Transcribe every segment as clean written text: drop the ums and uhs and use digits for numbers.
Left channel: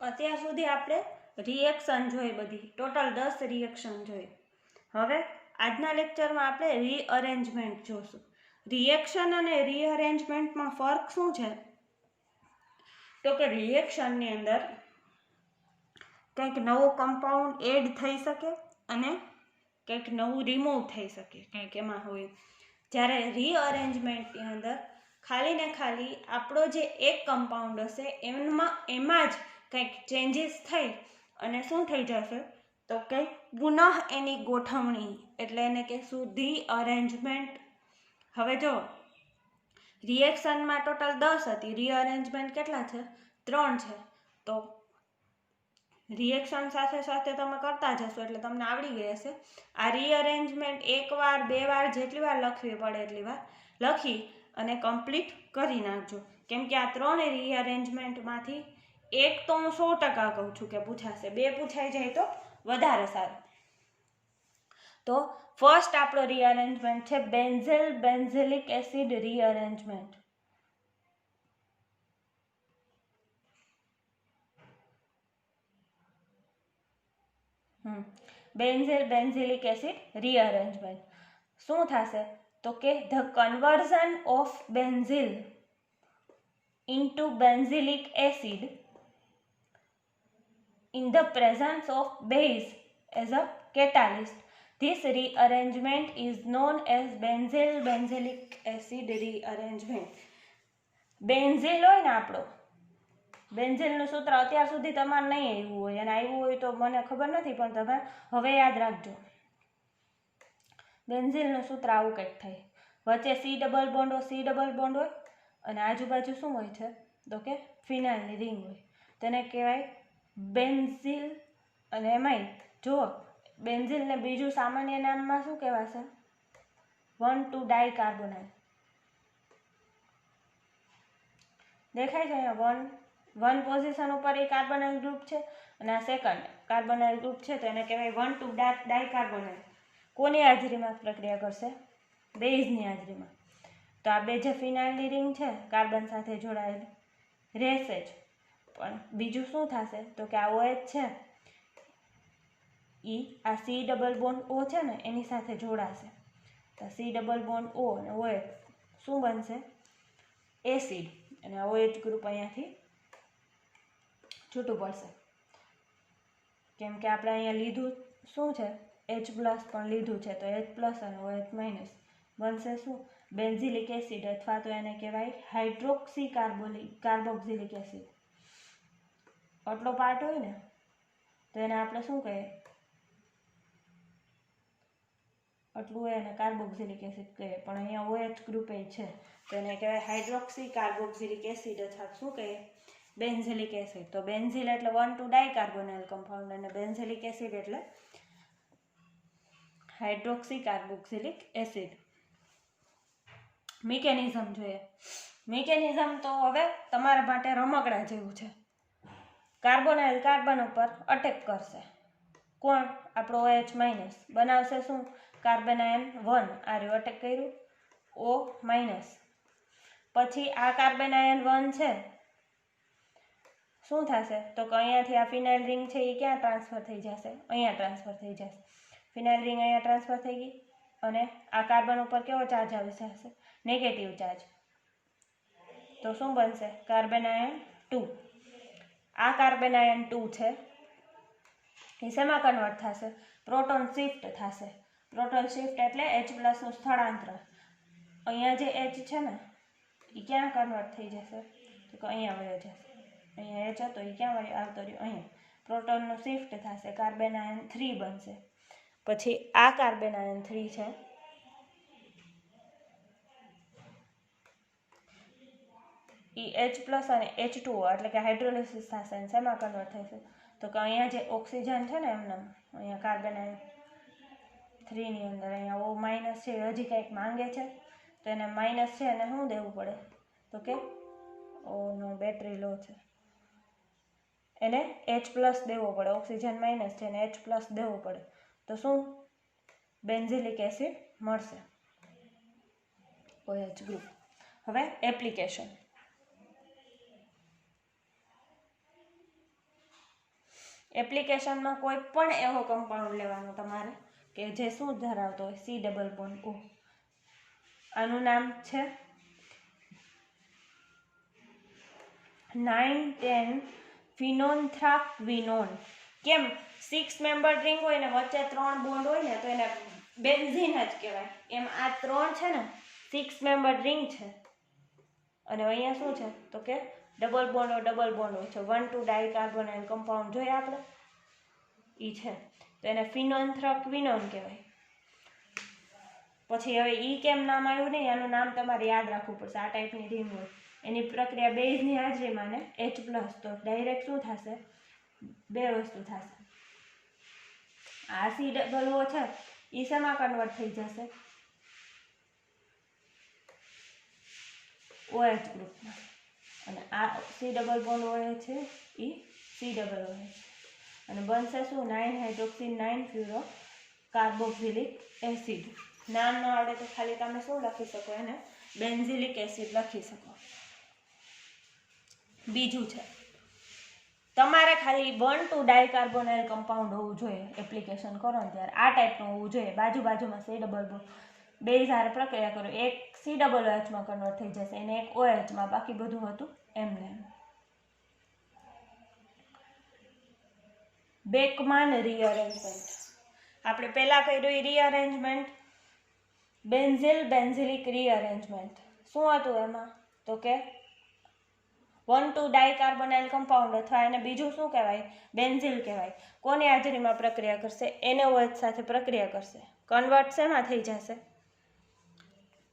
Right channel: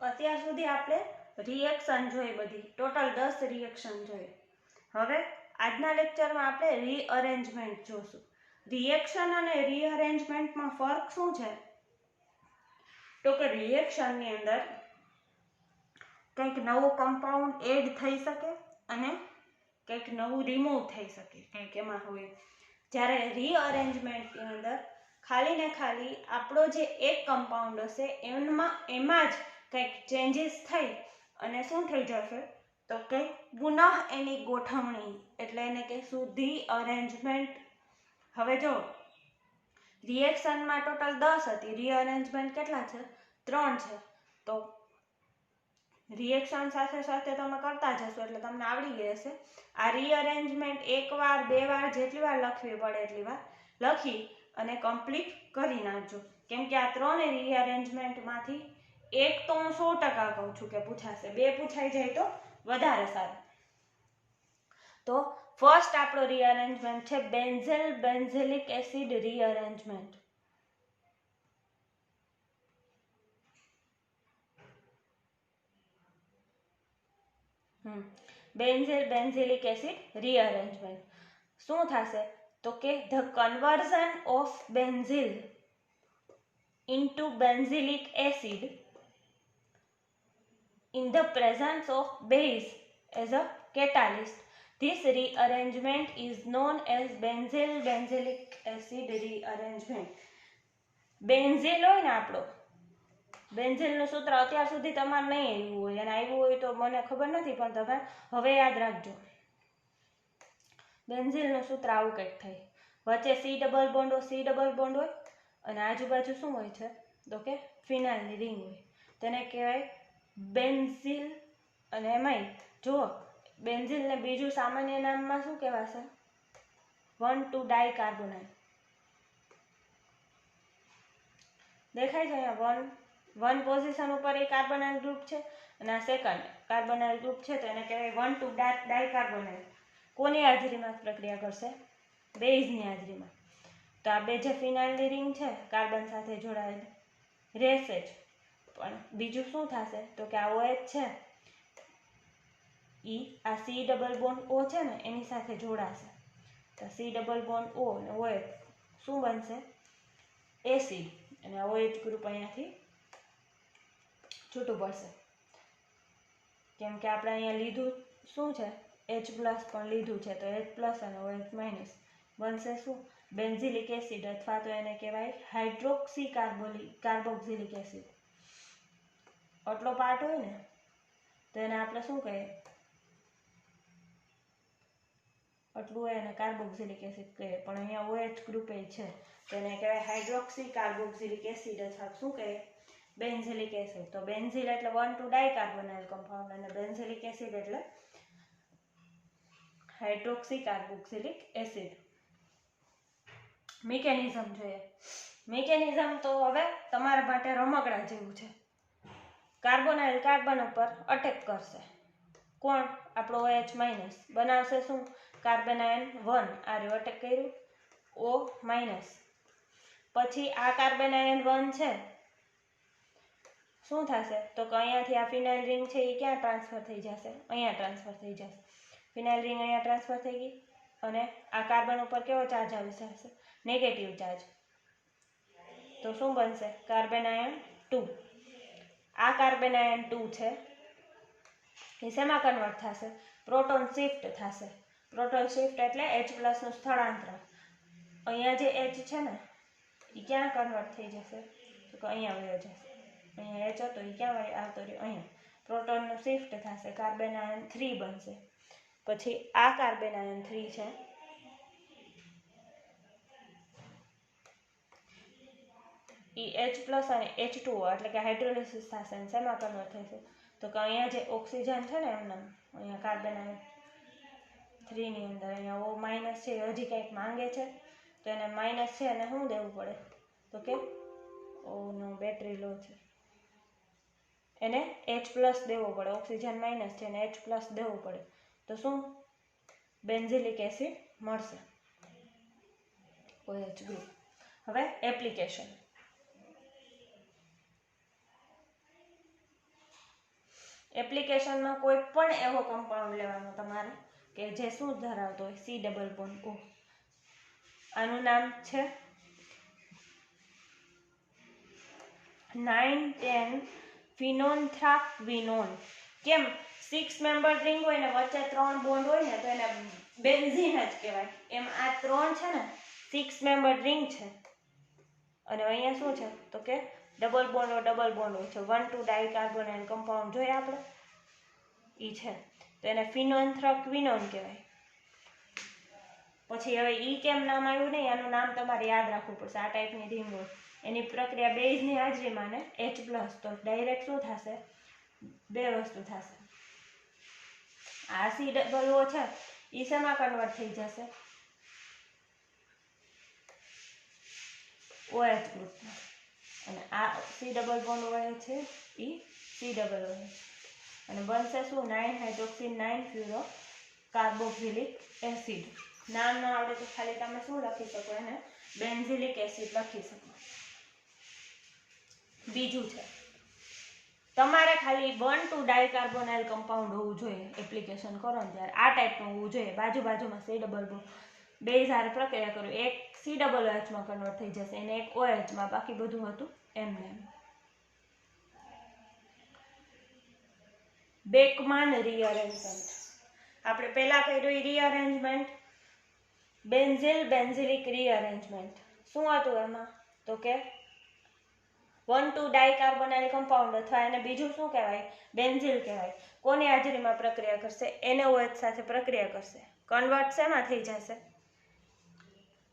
અત્યાર સુધી આપણે રિએક્શન જોઈ, બધી ટોટલ 10 રિએક્શન જોઈ. હવે આજના લેક્ચરમાં આપણે રીઅરેન્જમેન્ટ જોશું. રિએક્શન અને રીઅરેન્જમેન્ટમાં ફરક શું છે? તો કે રિએક્શનની અંદર કંઈક નવો કમ્પાઉન્ડ એડ થઈ શકે અને કંઈક નવું રિમૂવ થઈ શકે, કંઈક એમાં હોય. જ્યારે રીઅરેન્જમેન્ટની અંદર ખાલી ને ખાલી આપણો જે એક કમ્પાઉન્ડ હશે એમાં જ કંઈક ચેન્જીસ થઈ અને શું થઈ જશે? તો કંઈક પુનઃ એની ગોઠવણી, એટલે એને કહેશું રીઅરેન્જમેન્ટ. હવે જો રિએક્શનમાં ટોટલ 10 હતી, રીઅરેન્જમેન્ટ કેટલા છે? 3 છે. તો રિએક્શન સાથે સાથે તમે કરતા જશો એટલે તમને આવડી ગઈ હશે. આ રીઅરેન્જમેન્ટ એકવાર 2 વાર જેટલી વાર લખવી પડે એટલી વાર લખી અને કમ્પ્લીટ કરી નાખજો. કેમ કે આ 3 રીઅરેન્જમેન્ટમાંથી એક તો હું 100% કહું છું કે પૂછાશે, 2 પૂછાઈ જાય તો વધારે સારું. તો ફર્સ્ટ આપણો રીઅરેન્જમેન્ટ છે બેન્ઝેલ બેન્ઝેલિક એસિડ રીઅરેન્જમેન્ટ. બેન્ઝેલ બેન્ઝિલિક એસિડ રીઅરેન્જમેન્ટ શું થશે? તો કે the conversion of benzil into benzylic acid in the presence of base as a catalyst. This rearrangement is known as benzyl benzylic acid rearrangement. બેન્ઝિલ હોય ને આપણો, બેન્ઝિલનું સૂત્ર અત્યાર સુધી તમારે નહીં આવ્યું હોય, અને આવ્યું હોય તો મને ખબર નથી, પણ તમે હવે યાદ રાખજો. બેન્ઝિલનું સૂત્ર આવું કંઈક થાય. વચ્ચે સી ડબલ બોન્ડ હોય અને આજુબાજુ શું હોય છે? તો કે ફિનાઇલની રિંગ હોય. તેને કહેવાય બેન્ઝિલ. અને એમાંય જો બેન્ઝિલને બીજું સામાન્ય નામમાં શું કહેવાશે? 1,2-ડાયકાર્બોનાઇલ. દેખાય છે અહીંયા વન પોઝિશન ઉપર એ કાર્બોનાઇલ ગ્રુપ છે અને આ સેકન્ડ કાર્બોનાઇલ ગ્રુપ છે, તો એને કહેવાય 1,2-ડાયકાર્બોનાઇલ. કોની હાજરીમાં પ્રક્રિયા કરશે? બેઝની હાજરીમાં. તો આ બે જે ફિનાઇલની રિંગ છે કાર્બન સાથે જોડાયેલી રહેશે જ, પણ બીજું શું થશે? તો કે આ OH છે એ આ સી ડબલ બોન્ડ O છે ને એની સાથે જોડાશે. તો સી ડબલ બોન્ડ O અને OH શું બનશે? એસિડ. અને આ OH ગ્રુપ અહીંયાથી છૂટું પડશે. કેમ કે આપણે અહીંયા લીધું શું છે? H+ પણ લીધું છે, તો H+ અને OH- બનશે શું? બેન્ઝિલિક એસિડ, અથવા તો એને કહેવાય હાઇડ્રોક્સી કાર્બોક્સિલિક એસિડ. આટલો પાર્ટ હોય ને તો એને આપણે શું કહીએ? આટલું હોય એને કાર્બોક્સિલિક એસિડ કહીએ, પણ અહીંયા OH ગ્રુપ છે તો એને કહેવાય હાઇડ્રોક્સી કાર્બોક્સિલિક એસિડ, અથવા શું કહીએ? બેન્ઝિલિક એસિડ. તો બેન્ઝિલ એટલે 1,2-ડાયકાર્બોનાઇલ કમ્પાઉન્ડ અને બેન્ઝિલિક એસિડ એટલે હાઇડ્રોક્સી કાર્બોક્સિલિક એસિડ. મિકેનિઝમ જોઈએ. મિકેનિઝમ તો હવે તમારા માટે રમકડા જેવું છે. કાર્બોનાઇલ કાર્બન ઉપર અટેક કરશે. કોણ? આપણો OH- બનાવશે શું? કાર્બેનાયન 1. આ રહ્યું અટેક કર્યું O-. પછી આ કાર્બેનાયન 1 છે શું થશે? તો કે અહીંયાથી આ ફિનાઇલ રિંગ છે એ ક્યાં ટ્રાન્સફર થઈ જશે? અહીંયા ટ્રાન્સફર થઈ જશે. ફિનાઇલ રિંગ અહીંયા ટ્રાન્સફર થઈ ગઈ અને આ કાર્બન ઉપર કેવો ચાર્જ આવી જશે? Negative charge. તો શું બનશે? કાર્બેનાયન 2. આ કાર્બેનાયન 2 છે એ શેમાં કન્વર્ટ થશે? પ્રોટોન શિફ્ટ થશે. પ્રોટોન શિફ્ટ એટલે H+ નું સ્થળાંતર. અહીંયા જે H છે ને એ ક્યાં કન્વર્ટ થઈ જશે? તો કે અહીંયા વયો જશે. અહીંયા H હતો એ ક્યાં આવતો રહ્યો? અહીંયા. પ્રોટોનનું શિફ્ટ થશે, કાર્બેનાયન 3 બનશે. પછી આ કાર્બેનાયન 3 છે એ H+ અને H2O એટલે કે હાઇડ્રોલિસિસ થશે અને શેમાં કન્વર્ટ થશે? તો કે અહીંયા જે ઓક્સિજન છે ને એમને અહીંયા કાર્બેનાયન 3 ની અંદર અહીંયા O- છે, હજી કંઈક માંગે છે તો એને માઇનસ છે એને શું દેવું પડે? તો કે ઓનો બેટરી લો છે, એને H+ દેવો પડે. ઓક્સિજન માઇનસ છે એને H+ દેવો પડે. તો શું? બેન્ઝિલિક એસિડ મળશે, OH ગ્રુપ. હવે એપ્લિકેશન. એપ્લિકેશનનો કોઈ પણ એવો કમ્પાઉન્ડ લેવાનો તમારે કે જે શું ધરાવતો હોય, સી ડબલ બોન્ડ ઓ. આનું નામ છે 9,10 ફિનોલ્ફ્થાક્વિનોન. કેમ 6 મેમ્બર રિંગ હોય ને વચ્ચે 3 બોન્ડ હોય ને તો એને બેન્ઝીન જ કહેવાય. એમ આ 3 છે ને 6 મેમ્બર રિંગ છે અને અહીંયા શું છે તો કે ડબલ બોન્ડ હોય છે. 1,2 ડાયકાર્બોનાઇલ કમ્પાઉન્ડ જોઈએ આપણે ઈ છે તો એને ફિનોલ્ફ્થાક્વિનોન કહેવાય. પછી હવે ઈ કેમ નામ આવ્યું નહીં, આનું નામ તમારે યાદ રાખવું પડશે. આ ટાઈપની રિંગ હોય એની પ્રક્રિયા બેઝની હાજરીમાં ને H+, તો ડાયરેક્ટ શું થશે, બે વસ્તુ થશે. આ સી ડબલ ઓ છે એ શેમાં કન્વર્ટ થઈ જશે, OH ગ્રુપમાં. અને આ સી ડબલ બોન્ડ હોય છે એ સી ડબલ OH અને બનશે શું 9 હાઇડ્રોક્સી 9 ફ્યુરો કાર્બોક્સિલિક એસિડ. નામ ન આવડે તો ખાલી તમે શું લખી શકો, એને બેન્ઝિલિક એસિડ લખી શકો. બીજું છે તમારે ખાલી 1,2 ડાયકાર્બોનાઇલ કમ્પાઉન્ડ હોવું જોઈએ એપ્લિકેશન કરો ને ત્યારે. આ ટાઈપનું હોવું જોઈએ. બાજુમાં સી ડબલ બોન્ડ બે હારે પ્રક્રિયા કરો, એક સી ડબલ OHમાં કન્વર્ટ થઈ જશે અને એક OHમાં. બાકી બધું હતું એમને એમ. બેકમાન રીઅરેન્જમેન્ટ આપણે પહેલા કર્યું રીઅરેન્જમેન્ટ બેન્ઝિલિક રીઅરેન્જમેન્ટ. શું હતું એમાં તો કે 1,2 ડાયકાર્બોનાઇલ કમ્પાઉન્ડ અથવા એને બીજું શું કહેવાય, બેન્ઝિલ કહેવાય. કોની હાજરીમાં પ્રક્રિયા કરશે, NaOH સાથે પ્રક્રિયા કરશે. કન્વર્ટ શેમાં થઈ જશે,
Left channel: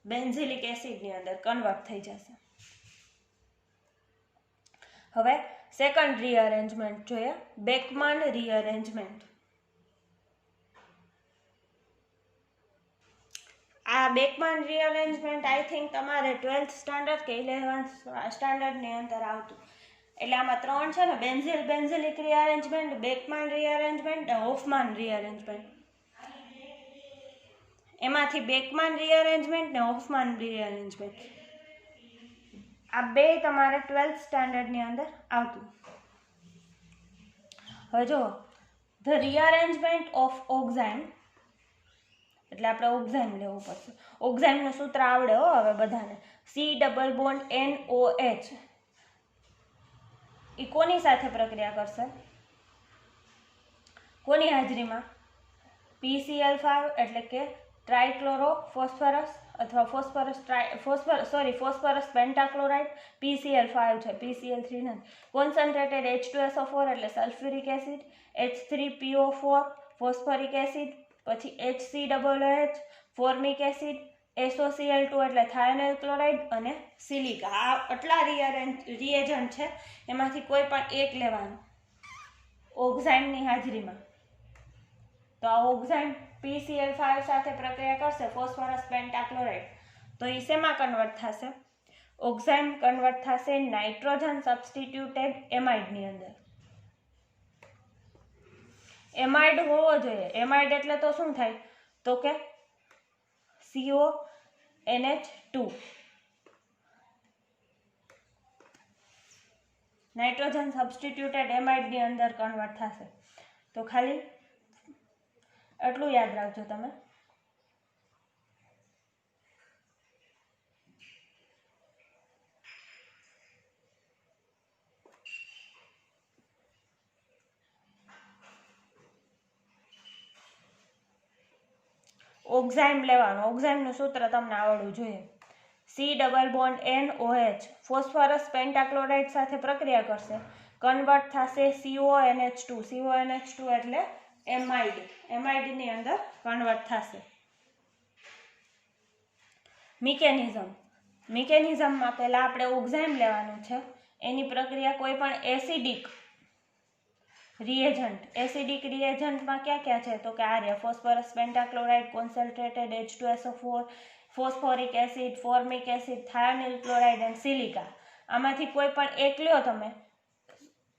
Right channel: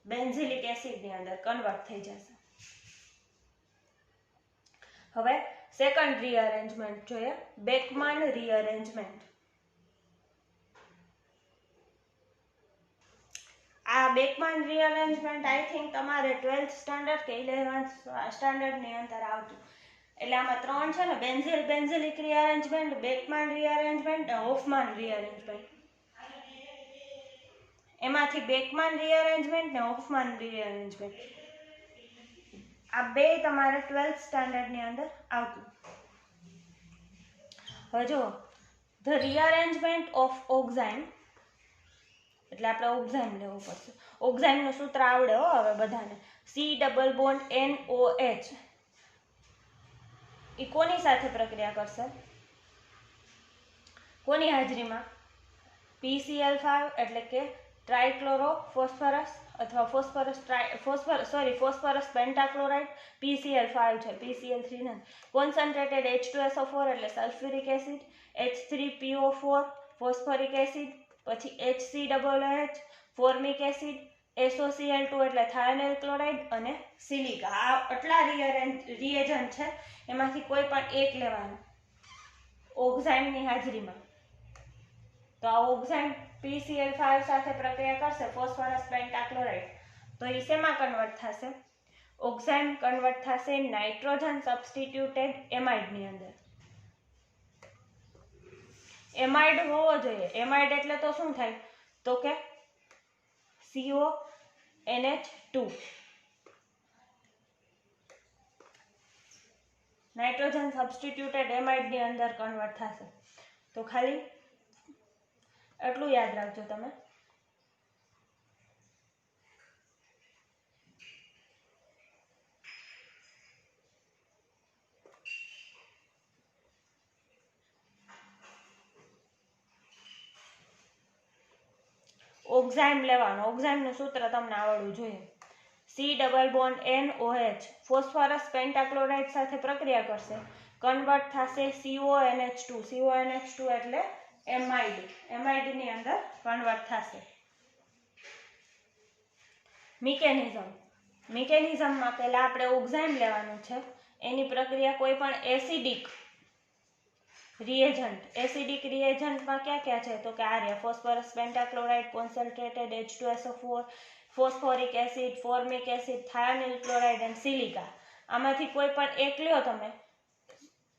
બેન્ઝિલિક એસિડની અંદર કન્વર્ટ થઈ જશે. હવે સેકન્ડ રીઅરેન્જમેન્ટ જોઈએ, બેકમાન રીઅરેન્જમેન્ટ. આ બેકમાન રીઅરેન્જમેન્ટ આઈ થિંક તમારે 12th સ્ટાન્ડર્ડ કે 11th સ્ટાન્ડર્ડની અંદર આવતું. એટલે આમાં 3 છે ને, બેન્ઝિલિક રીઅરેન્જમેન્ટ, બેકમાન રીઅરેન્જમેન્ટ અને હોફમાન રીઅરેન્જમેન્ટ. એમાંથી બેકમાન રીઅરેન્જમેન્ટ ને હોફમાન રીઅરેન્જમેન્ટ આ બે તમારે 12th સ્ટાન્ડર્ડની અંદર આવતું. હવે જો ધ રીઅરેન્જમેન્ટ ઓફ ઓક્ઝાઇમ, એટલે આપણે ઓક્ઝાઇમ લેવું પડશે. ઓક્ઝાઇમનું સૂત્ર આવડે હો હવે બધાને, સી ડબલ બોન્ડ NOH. એ કોની સાથે પ્રક્રિયા કરશે, કોની હાજરીમાં, PCl5 એટલે કે ટ્રાઇક્લોરો ફોસ્ફરસ અથવા ફોસ્ફરસ પેન્ટાક્લોરાઇડ. PCl5 છે, PCl3 નથી. કોન્સન્ટ્રેટેડ H2SO4 એટલે sulphuric acid, H3PO4 phosphoric acid, પછી HCOOH ફોર્મિક એસિડ, SOCl2 એટલે થાયોનાઇલ ક્લોરાઇડ અને સિલિકા. આ આટલા રિએજન્ટ છે, એમાંથી કોઈ પણ એક લેવાનું ઓક્ઝાઇમની હાજરીમાં. તો આ ઓક્ઝાઇમ PCl5 સાથે પ્રક્રિયા કરશે, ફોસ્ફરસ પેન્ટાક્લોરાઇડ. તો એ શેમાં કન્વર્ટ થશે, ઓક્ઝાઇમ કન્વર્ટ થશે નાઇટ્રોજન સબસ્ટિટ્યુટેડ એમાઇડની અંદર. એમાઇડ હોવો જોઈએ. એમાઇડ એટલે તો શું થાય તો કે CONH2 નાઇટ્રોજન સબસ્ટિટ્યુટેડ એમાઇડની અંદર કન્વર્ટ થશે. તો ખાલી એટલું યાદ રાખજો તમે. ઓક્ઝાઇમ લેવાનું. ઓક્ઝાઇમનું સૂત્ર તમને આવડવું જોઈએ. C double bond NOH phosphorus pentachloride સાથે પ્રક્રિયા કરશે, કન્વર્ટ થશે CONH2. CONH2 એટલે એમાઇડ. એમાઇડની અંદર કન્વર્ટ થશે. મિકેનિઝમમાં પહેલા આપણે ઓક્ઝાઇમ લેવાનું છે. એની પ્રક્રિયા કોઈ પણ એસિડિક રિએજન્ટમાં ક્યાં છે તો કે આ phosphorus pentachloride, concentrated H2SO4 phosphoric acid, formic acid, thionyl chloride અને સિલિકા. આમાંથી કોઈ પણ એક લ્યો તમે,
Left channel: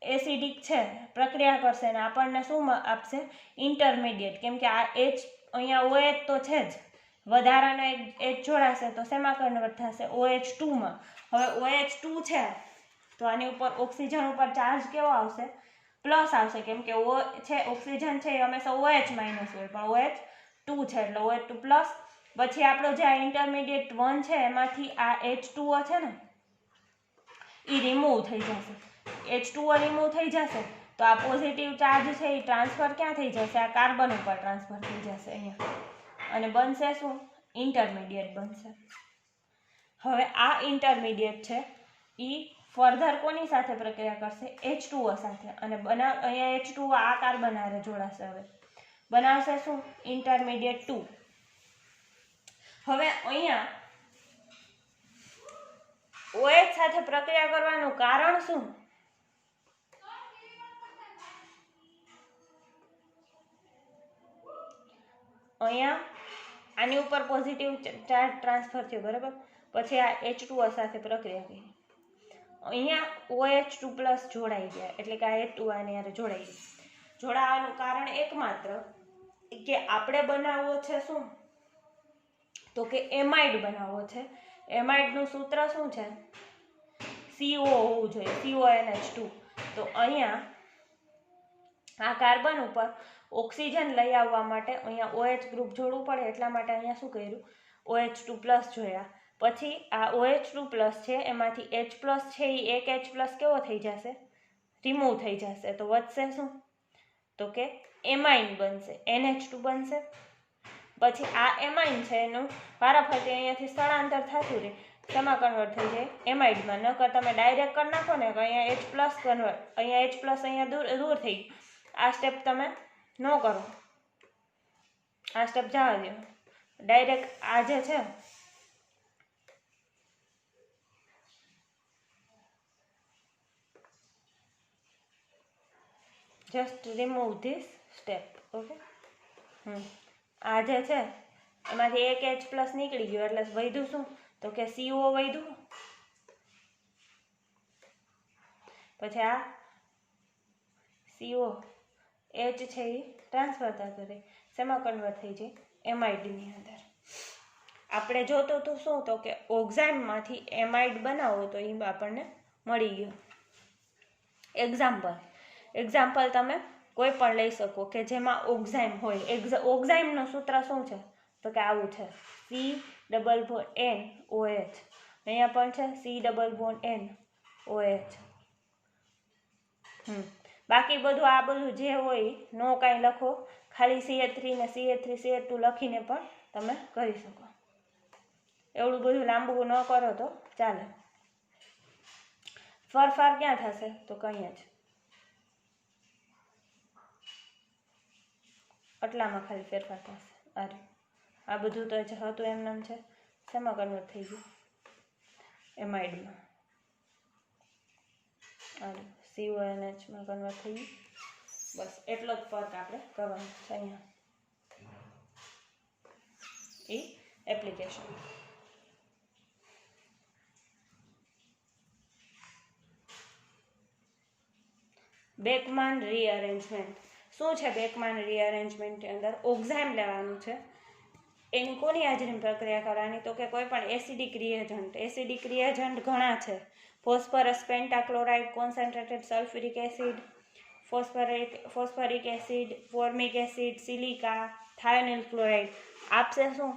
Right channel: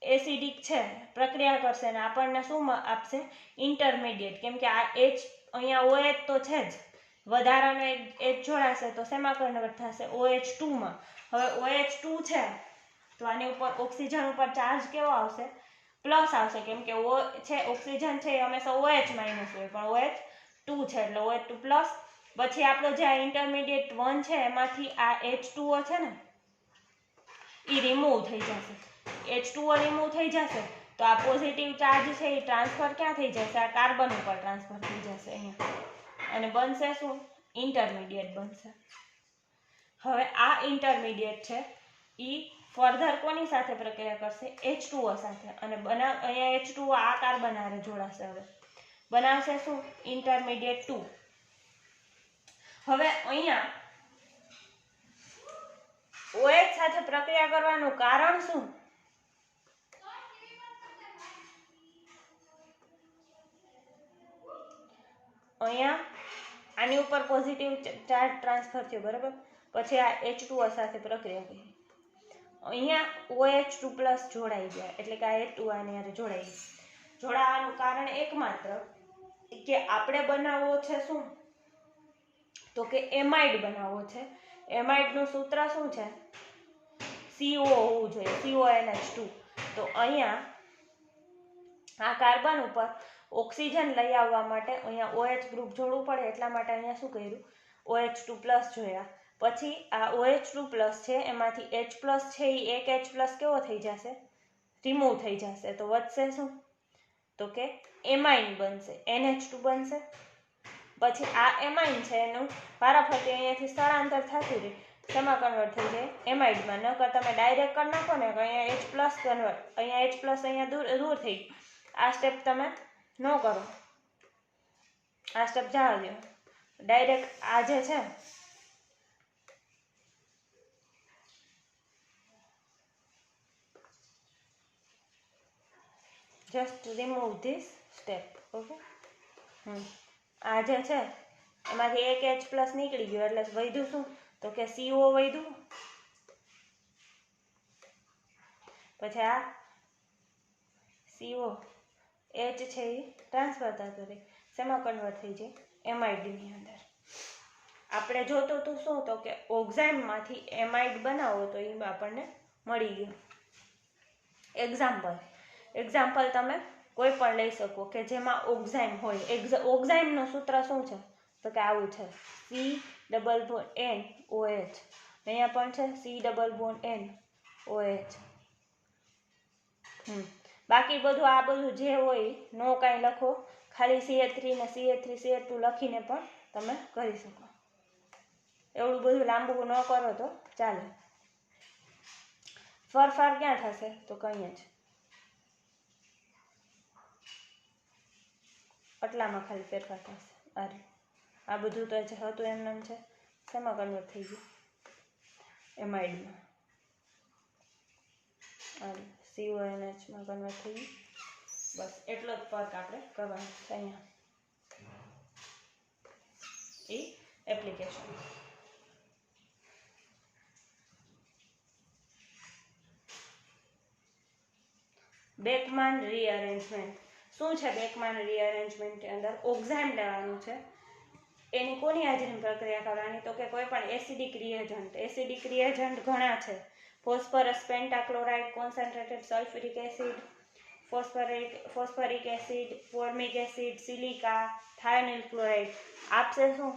એસિડિક છે, પ્રક્રિયા કરશે અને આપણને શું આપશે, ઇન્ટરમીડિયેટ. કેમ કે આ H અહીંયા OH તો છે જ, વધારાનો H જોડાશે તો શેમાં કન્વર્ટ થશે, OH2માં. હવે OH2 છે તો આની ઉપર ઓક્સિજન ઉપર ચાર્જ કેવો આવશે, પ્લસ આવશે, કેમ કે ઓ છે ઓક્સિજન છે એ હંમેશા OH માઇનસ હોય, પણ OH2 છે એટલે OH2 પ્લસ. પછી આપણો જે આ ઇન્ટરમીડિયેટ 1 છે એમાંથી આ H2O છે ને એ રિમૂવ થઈ જશે. H2O રિમૂવ થઈ જશે તો આ પોઝિટિવ ચાર્જ છે એ ટ્રાન્સફર ક્યાં થઈ જશે? આ કાર્બન ઉપર ટ્રાન્સફર થઈ જશે અહીંયા, અને બનશે શું? ઇન્ટરમીડિયેટ બનશે. હવે આ ઇન્ટરમીડિયેટ છે એ ફર્ધર કોની સાથે પ્રક્રિયા કરશે? H2O સાથે, અને અહીંયા H2O આ કાર્બન હારે જોડાશે. હવે બનાવશે શું? ઇન્ટરમીડિયેટ 2. હવે અહીંયા OH સાથે પ્રક્રિયા કરવાનું કારણ શું? અહીંયા આની ઉપર પોઝિટિવ ચાર્જ ટ્રાન્સફર થયો, બરાબર. પછી આ H2O સાથે પ્રક્રિયા કરી, અહીંયા OH2 પ્લસ જોડાઈ ગયા, એટલે કે આ H2O આની હારે જોડાઈ ગયું. જોડાવાનું કારણ એકમાત્ર કે આપણે બનાવવો છે શું? તો કે એમાઇડ બનાવવો છે. એમાઇડનું સૂત્ર શું છે? CO હોવું જોઈએ, CONH2. તો અહીંયા આ કાર્બન ઉપર ઓક્સિજન લઈ આવવા માટે અહીંયા OH ગ્રુપ જોડવું પડે, એટલા માટે અહીંયા શું કર્યું? OH2 પ્લસ જોયા. પછી આ OH2 પ્લસ છે એમાંથી H પ્લસ છે એ એક H પ્લસ કેવો થઈ જશે? રિમૂવ થઈ જશે. તો વધશે શું? તો કે એમાઇન બનશે, NH2 બનશે. પછી આ એમાઇન છે એનું વારાફરતી અહીંયાથી સ્થળાંતર થતું રહે, શેમાં કન્વર્ટ થઈ જાય? એમાઇડમાં. નકર તમે ડાયરેક્ટ કરી નાખો ને તો અહીંયા H પ્લસ કન્વર્ટ, અહીંયા H પ્લસ અહીંયા દૂર થઈ ગયું. આ સ્ટેપ તમે ન કરો, આ સ્ટેપ જવા દો. ડાયરેક્ટ આ જે છે just remove this step. Okay, આ જે છે એમાંથી એક H પ્લસ નીકળી ગયો એટલે વધ્યું શું? તો કે CO વધ્યું. પછી આ CO H છે એ ટ્રાન્સફર થતું રહે, શેમાં કન્વર્ટ થઈ જાય? એમાઇડની અંદર. આપણે જોતું હતું શું? તો કે ઓક્ઝાઇમમાંથી એમાઇડ બનાવો તો એ આપણને મળી ગયું. એક્ઝામ્પલ તમે કોઈ પણ લઈ શકો કે જેમાં ઓક્ઝાઇમ હોય. ઓક્ઝાઇમનું સૂત્ર શું છે? તો કે આવું છે, CONOH. અહીંયા પણ છે CONOH. બાકી બધું આ બધું જે હોય નો કાંઈ લખો, ખાલી CH3 ને CH3 CH2 લખીને પણ તમે કરી શકો. એવડું બધું લાંબુ ન કરો તો ચાલે. ફેરફાર ક્યાં થશે? તો કંઈ જ આટલામાં ખાલી ફેરફાર થશે. આ બધું તો જે હતું એમને છે, શેમાં કન્વર્ટ થઈ ગયું? એમાઇડમાં. CONH માં કન્વર્ટ થઈ ગયું. બસ એટલો જ ફરક આપણે કરવાનો છે અહીંયા. એ એપ્લિકેશન. બેકમાન રીઅરેન્જમેન્ટ. શું છે બેકમાન રીઅરેન્જમેન્ટની અંદર? ઓક્ઝાઇમ લેવાનું છે, એની કોની હાજરીમાં પ્રક્રિયા કરવાની? તો કે કોઈ પણ એસિડિક રિએજન્ટ. એસિડિક રિએજન્ટ ઘણા છે: phosphorus pentachloride, concentrated sulphuric acid, phosphoric acid, formic acid, silica, thionyl chloride. આપશે શું?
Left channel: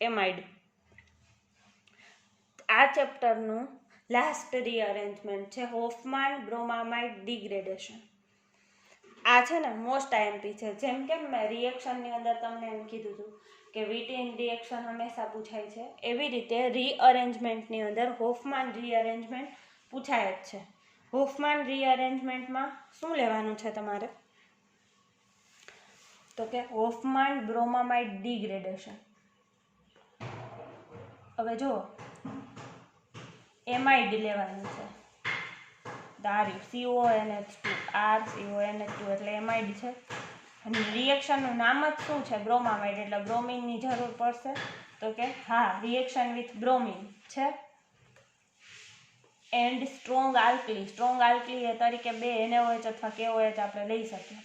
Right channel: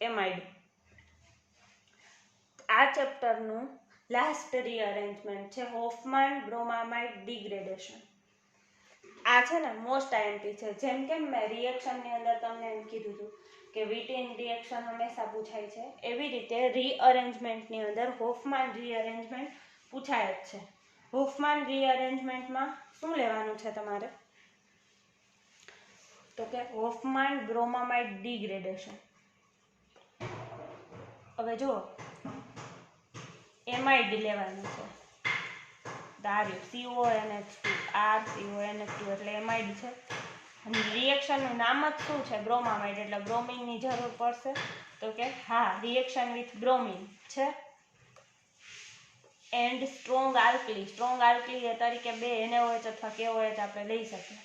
એમાઇડ. આ ચેપ્ટરનું લાસ્ટ રીઅરેન્જમેન્ટ છે હોફમાન બ્રોમામાઇડ ડિગ્રેડેશન. આ છે ને મોસ્ટ આઈએમપી છે. જેમ કે મેં રિએક્શનની અંદર તમને એમ કીધું હતું કે વિટીન રિએક્શન હંમેશા પૂછાય છે, એવી રીતે રીઅરેન્જમેન્ટની અંદર હોફમાન રીઅરેન્જમેન્ટ પૂછાય જ છે. હોફમાન રીઅરેન્જમેન્ટમાં શું લેવાનું છે તમારે? તો કે હોફમાન બ્રોમામાઇડ ડિગ્રેડેશન. હવે જો એમાઇડ લેવાનું છે, ધાર્યું CONH2 CONH2 એટલે એમાઇડ છે. અને રિએક્શનનું નામ જ શું છે? બ્રોમામાઇડ. એટલે બ્રોમિનની જરૂર પડશે. તો કે હા, રિએક્શન વિથ બ્રોમિન છે. And strong alkali. Strong alkali એ તરીકે 2 NaOH અથવા KOH આપણે લઈ શકીએ.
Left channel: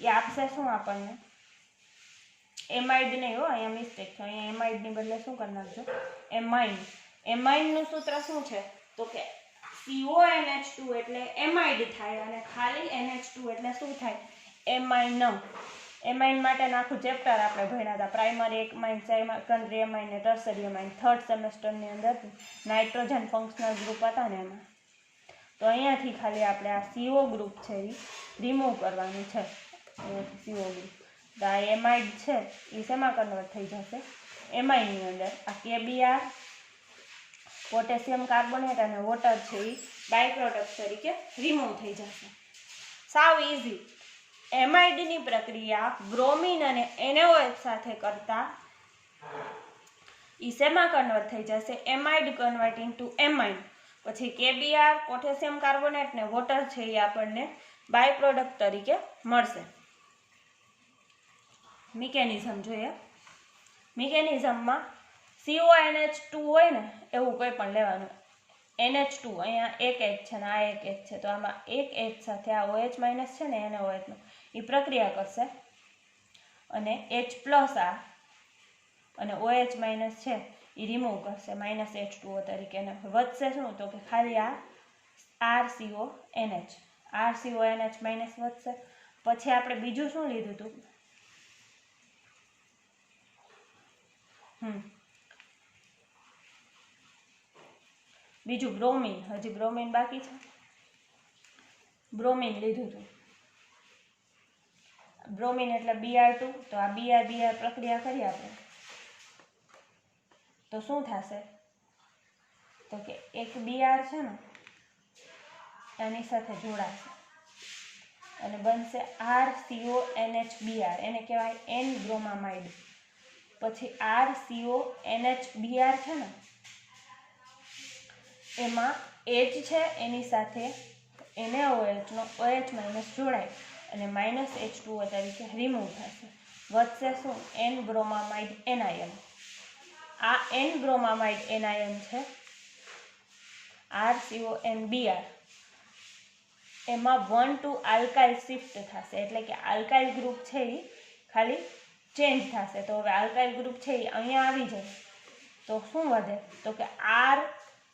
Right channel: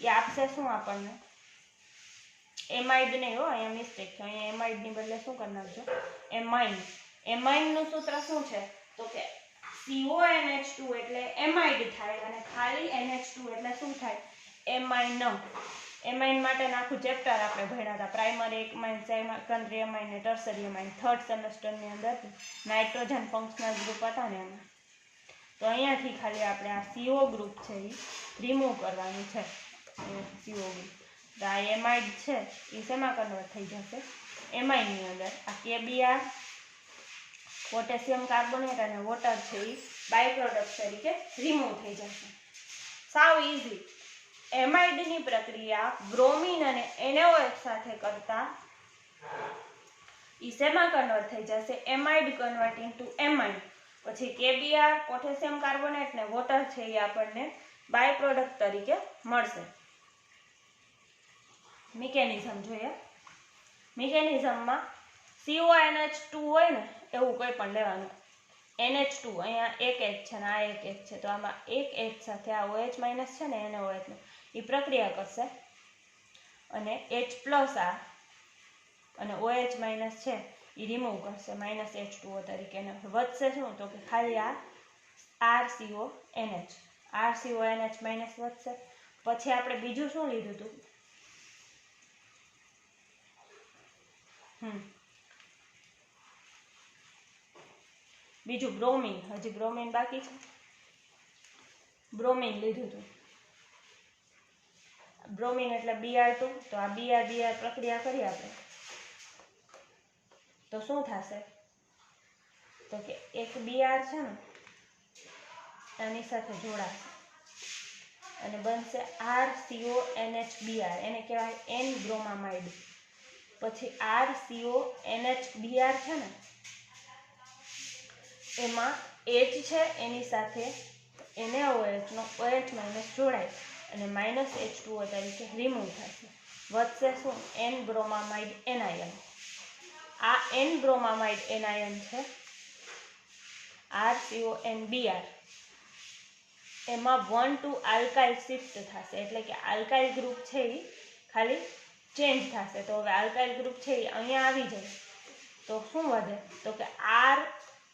એ આપશે શું આપણને? એમાઇડ નહીં હો, અહીંયા મિસ્ટેક છે. અહીંયા એમાઇડની બદલે શું કરી નાખજો? એમાઇન. એમાઇનનું સૂત્ર શું છે? તો કે CONH2 એટલે એમાઇડ થાય અને ખાલી NH2 એટલે શું થાય? એમાઇન. એમાઇન માટેનું આખું ચેપ્ટર આપણે ભણ્યા હતા, પ્રાઇમરી એમાઇન, સેકન્ડરી એમાઇન ને ટર્સરી એમાઇન, થર્ડ સેમેસ્ટરની અંદર નાઇટ્રોજન ફંક્શનલ ગ્રુપ હતા ને એમાં. તો અહીંયાથી ખાલી આપણે આ CO ગ્રુપ છે એ રિમૂવ કરવાનું છે. અહીંયાથી CO ગ્રુપ તો આ એમાઇડ છે એ શેમાં કન્વર્ટ થઈ જશે? એમાઇનની અંદર. આ KBr પોટેશિયમ કાર્બોનેટ અને વોટર છે એ બાય પ્રોડક્ટ તરીકે રિમૂવ થઈ જશે. સાવ ઇઝી. એમાઇડની પ્રક્રિયા બ્રોમિન અને NaOH સાથે કરતા ઈ શેમાં કન્વર્ટ થઈ જશે? Amide convert into amine. પછી KBr પોટેશિયમ કાર્બોનેટ ને વોટર છે એ આપણને બાય પ્રોડક્ટ તરીકે મળશે. મિકેનિઝમ જોઈએ. મિકેનિઝમમાં CONH2 હોય ને એવું કોઈ પણ લેવાનું. NH2 અહીંયા એક H છે ને આ એક H છે, તો આમાં એક H સાથે આ OH માઇનસ છે ને NaOH નો એ પ્રક્રિયા કરશે અને H+ આ અને OH માઇનસ છે એ રિમૂવ કરશે -H2O તરીકે. અને વધશે શું? તો કે ખાલી આ RCONH. RCONH માઇનસ વધશે. પછી આપણે બીજું શું લીધું હતું? બીજું બ્રોમિન. હજી બ્રોમિન બાકી છે. બ્રોમિન લીધું હતું. બ્રોમિન એટલે Br2. તો આ Br પ્રક્રિયા કરીએ આપણે તો શું થશે? તો કે એક Br છે ને આની સાથે જોડાશે અને બનશે RCONHBr. એને કહેવાય N-બ્રોમામાઇડ. પછી RCONHBr છે ને એમાં H છે એની સાથે NaOH નો OH માઇનસ જોડાય અને -H2O તરીકે રિમૂવ થશે. વધશે શું? N-બ્રોમામાઇડ એનાયન. આ N-બ્રોમામાઇડ એનાયન છે RCONBr. એમાં 1 to આલ્કાઇલ શિફ્ટ થશે, એટલે કે આલ્કાઇલ ગ્રુપ છે એ ખાલી ચેન્જ થશે. તો હવે આલ્કાઇલ ગ્રુપ છે એ અહીંયા આવી જાય તો શું વધે? તો કે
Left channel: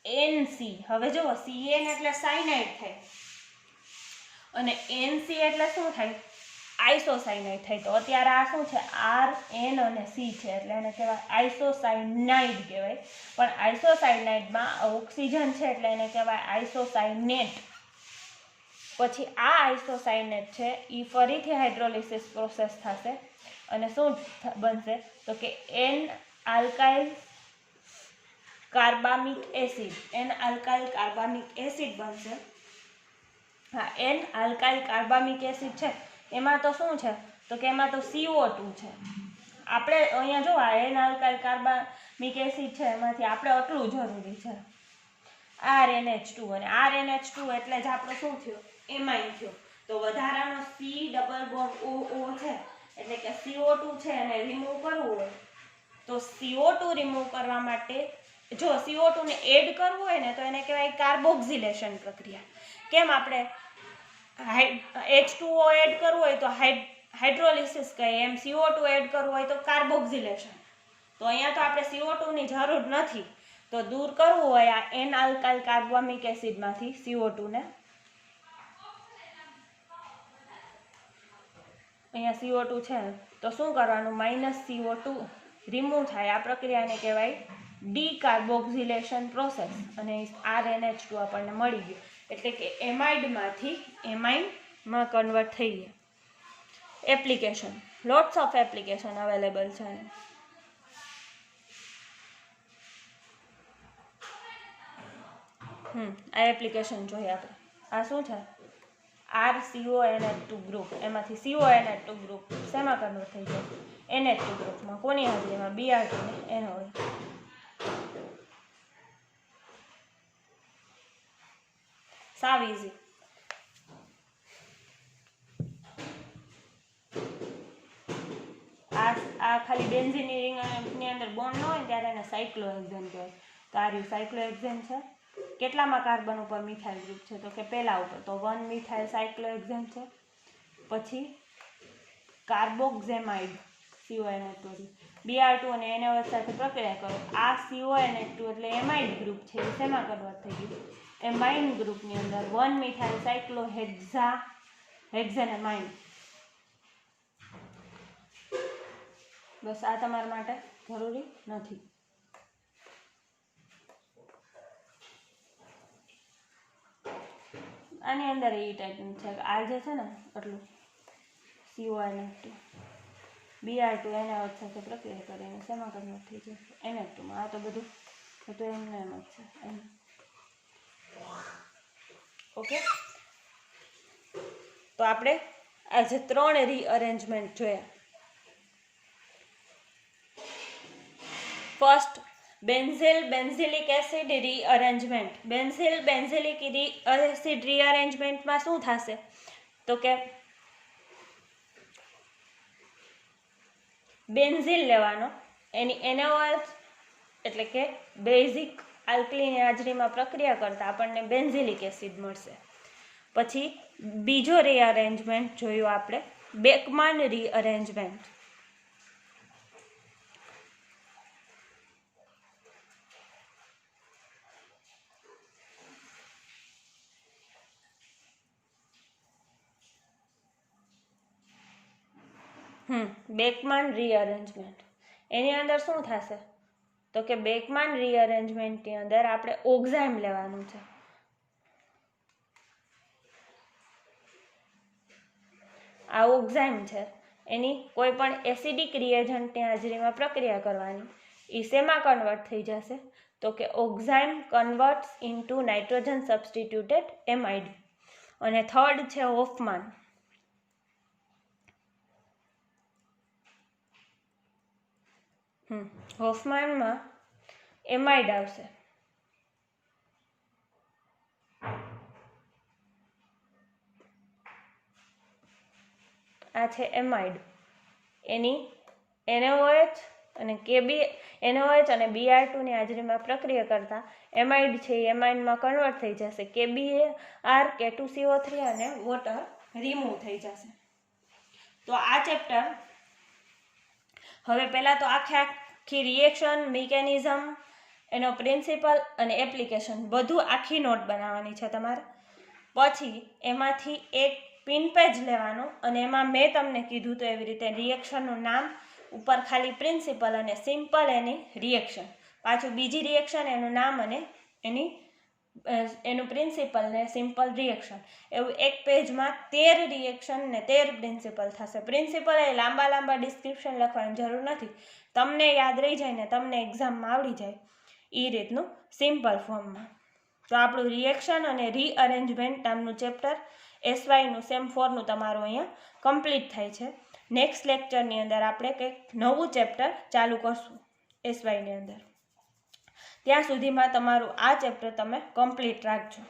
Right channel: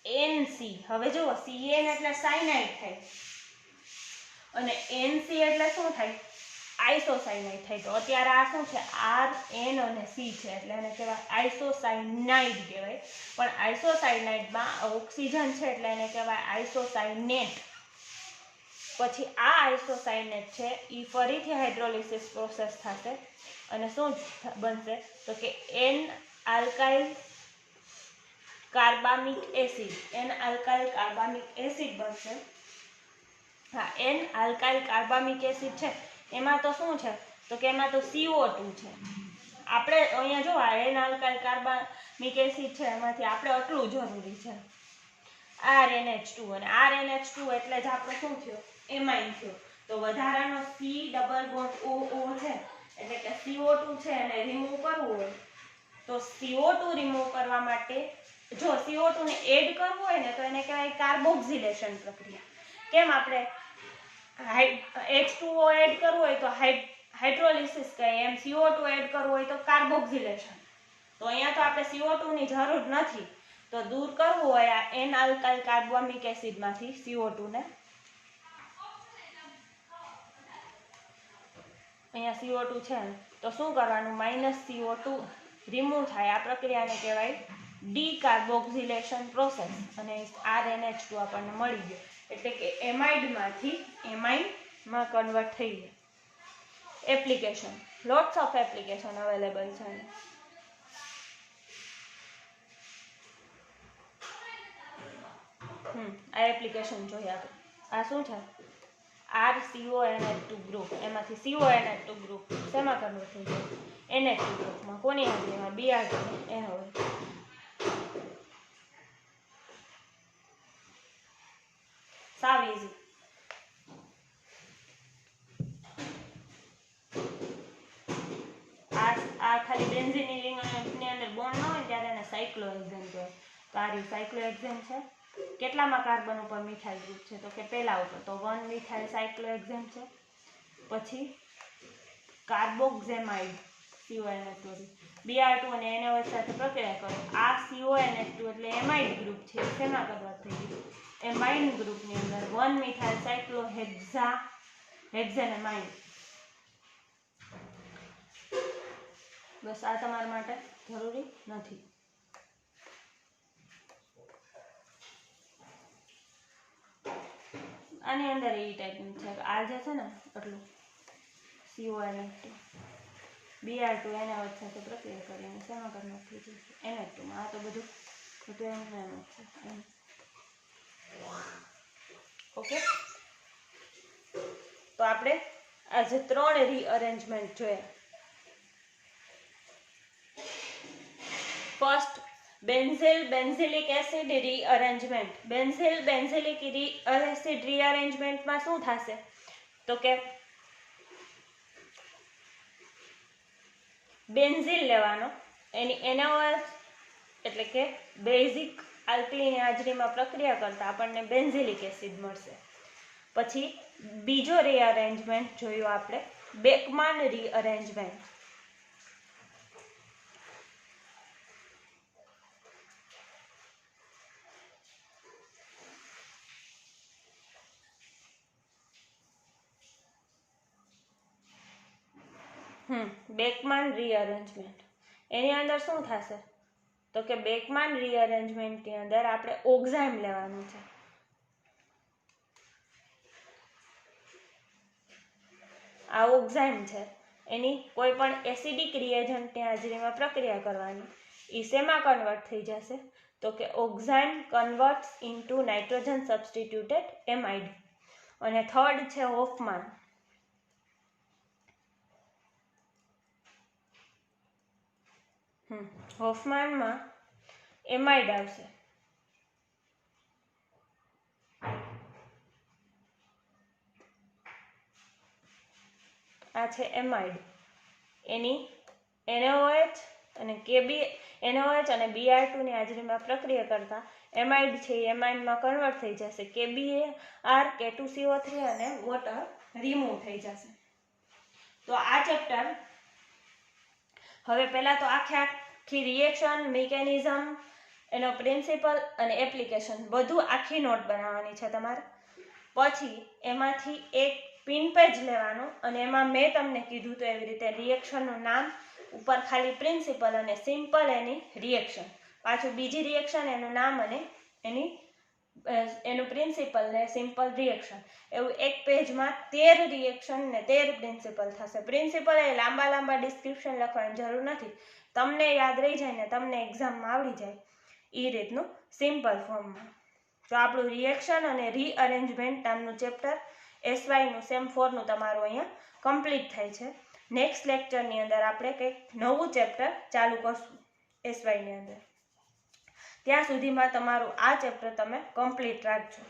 RNC. હવે જુઓ, CN એટલે સાયનાઇડ થાય અને NC એટલે શું થાય? આઇસોસાયનાઇડ થાય. તો અત્યારે આ શું છે? RN અને C છે એટલે એને કહેવાય આઇસોસાયનાઇડ કહેવાય. પણ આઇસોસાયનાઇડમાં ઓક્સિજન છે એટલે એને કહેવાય આઇસોસાયનેટ. પછી આ આઇસોસાયનેટ છે એ ફરીથી હાઇડ્રોલિસિસ પ્રોસેસ થશે અને શું બનશે? તો કે N-આલ્કાઇલ કાર્બામિક એસિડ. N-આલ્કાઇલ કાર્બામિક એસિડ બનશે. હા, N-આલ્કાઇલ કાર્બામિક એસિડ છે એમાં તો શું છે? તો કે એમાં તો CO2 છે. આપણે અહીંયા જો આ N-આલ્કાઇલ કાર્બામિક એસિડ છે એમાંથી આપણે આટલું જરૂરી છે RNH2. અને RNH2 એટલે જ આપણું શું થયું? એમાઇન થયો. તો વધારાનો C ડબલ બોન્ડ OO છે એટલે કે CO2 છે એને રિમૂવ કરવું હોય તો CO2 રિમૂવ કરવા માટે જો CO2 ને એડ કરવું હોય ને તો એને કહેવાય કાર્બોક્સિલેશન પ્રક્રિયા. કેમ? આપણે H2O એડ કરવું હોય તો હાઇડ્રોલિસિસ કહે, એમ CO2 એડ કરવું હોય તો કાર્બોક્સિલેશન. તો અહીંયા તો આપણે CO2 ની જરૂર નથી. તો દૂર કરવું હોય આ N-આલ્કાઇલ કાર્બામિક એસિડમાંથી CO2 ને, અહીંયા CO2 છે તો શું કરવાનું? -CO2 રિમૂવ થાય. આ પ્રક્રિયાને કહેવાય ડીકાર્બોક્સિલેશન પ્રોસેસ અને RNH2 આપણને મળી ગયું. એટલે કે એમાઇડમાંથી એમાઇનમાં કન્વર્ટ થઈ ગયા. Application, lots of application available છે. આ એપ્લિકેશન જોઈએ આપણે. આ શું છે? RCONH2 group. એમાંથી CONH2 ગ્રુપ શેમાં કન્વર્ટ થઈ જાય? NH2 ગ્રુપમાં. કોની હાજરીમાં? Br2 ને NaOH. સાવ ઇઝી. આ ખાલી બેન્ઝીનની અંદર બોન્ડ ન હોય ત્યારે એને સાયક્લોહેક્ઝેન કહેવાય. તો આ રહ્યું સાયક્લોહેક્ઝેન છે. કેટલામાં કાર્બન ઉપર મિથાઇલ ગ્રુપ છે? તો કે પહેલા ઉપર. તો 1 મિથાઇલ સાયક્લોહેક્ઝેન છે. પછી કાર્બોક્સેમાઇડ CONH2. Br2 અને NaOH સાથે પ્રક્રિયા કરો. આ CONH2 એટલે એમાઇડ ગ્રુપ છે. શેમાં કન્વર્ટ થઈ ગયું? એમાઇન ગ્રુપની અંદર 1 મિથાઇલ સાયક્લોહેક્ઝેનામાઇન. બસ આ તમારા માટે જરૂરી નથી. આની અંદર એ ટાઈપનું છે કે આ જે છે ને એટલું CONF2 Br2 NaOH સાથે પ્રક્રિયા કરીને શેમાં કન્વર્ટ થઈ જશે Na2 માં. આ તો બધું એમને એમ જ છે. ઓકે, તો આપણે આજે 3 રીઅરેન્જમેન્ટ જોયા. First, benzilic acid rearrangement. Benzilic acid રીઅરેન્જમેન્ટમાં શું થશે તો કે બેન્ઝિલ લેવાનો, એની NaOH એટલે કે બેઝિક આલ્કલીની હાજરીમાં પ્રક્રિયા કરતા આપણને બેન્ઝિલિક એસિડ મળશે. પછી બીજો રીઅરેન્જમેન્ટ જોયું આપણે બેકમાન રીઅરેન્જમેન્ટ. બેકમાન રીઅરેન્જમેન્ટ એની અંદર શું થશે તો કે બેકમાન રીઅરેન્જમેન્ટની અંદર આપણે ઓક્ઝાઇમ લેવાનું છે. આ ઓક્ઝાઇમ છે એની કોઈ પણ એસિડિક રિએજન્ટની હાજરીમાં પ્રક્રિયા કરવાની. એ શેમાં કન્વર્ટ થઈ જશે તો કે oxime converts into nitrogen substituted amide. અને થર્ડ છે હોફમાન. હોફમાનમાં એમાઇડ આવશે. આ છે એમાઇડ. એની NaOH અને NaOH અને Br2 ની હાજરીમાં પ્રક્રિયા કરતા એમાઇડ છે એ એમાઇડમાં કન્વર્ટ થઈ જશે. KBr K2CO3 અને વોટર રિમૂવ થઈ જશે. તો આ ચેપ્ટર હવે પહેલા તો આખી રિએક્શન મિકેનિઝમ, એનો પ્રિન્સિપલ અને એપ્લિકેશન બધું આખી નોટ બનાવવાની છે તમારે. પછી એમાંથી એક પિન પેજ લેવાનો અને એમાં મેં તમને કીધું તો એવી રીતે રિએક્શનનું નામ, ઉપર ખાલી પ્રિન્સિપલ અને સિમ્પલ એની રિએક્શન, પાછું બીજી રિએક્શન એનું નામ અને એનું પ્રિન્સિપલ ને સિમ્પલ રિએક્શન, એવું એક પેજમાં 13 રિએક્શન ને 13 પ્રિન્સિપલ થશે. પ્રિન્સિપલ એ લાંબા ડિસ્ક્રિપ્શન લખવાની જરૂર નથી, તમને યાદ રહી જાય ને તમને એક્ઝામમાં આવડી જાય એ રીતનું સિમ્પલ ફોર્મમાં. તો આપણું રિએક્શન અને રીઅરેન્જમેન્ટ નામનું ચેપ્ટર SYનું સેમ 4નું તમારું અહીંયા કમ્પ્લીટ થાય છે. નેક્સ્ટ લેક્ચરની અંદર આપણે કંઈક નવું ચેપ્ટર ચાલુ કરશું SYની અંદર. ત્યાં સુધીમાં તમારું આ ચેપ્ટર તમે કમ્પ્લીટ રાખજો.